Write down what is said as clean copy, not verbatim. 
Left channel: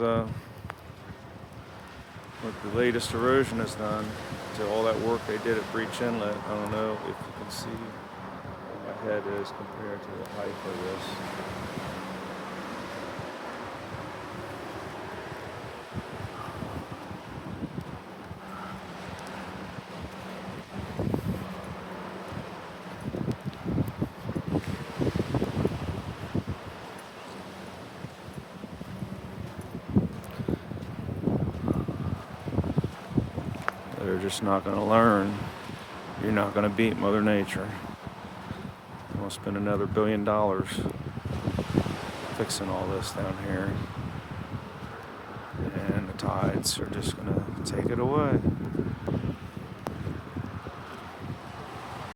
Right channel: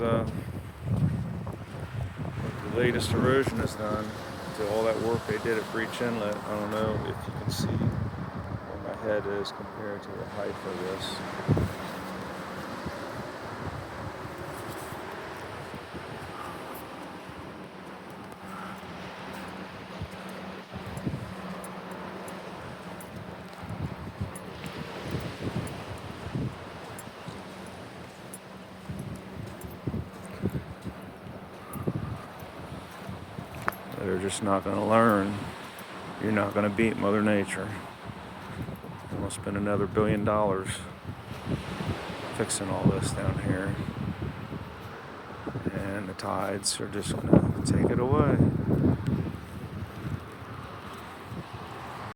is what the latest erosion has done to all that work they did at Breach Inlet. I don't know if you can see where my head is compared to the height of this. They're just not going to learn. You're not going to beat Mother Nature. I'm going to spend another $1 billion fixing all this down here. And the tides are just going to take it away.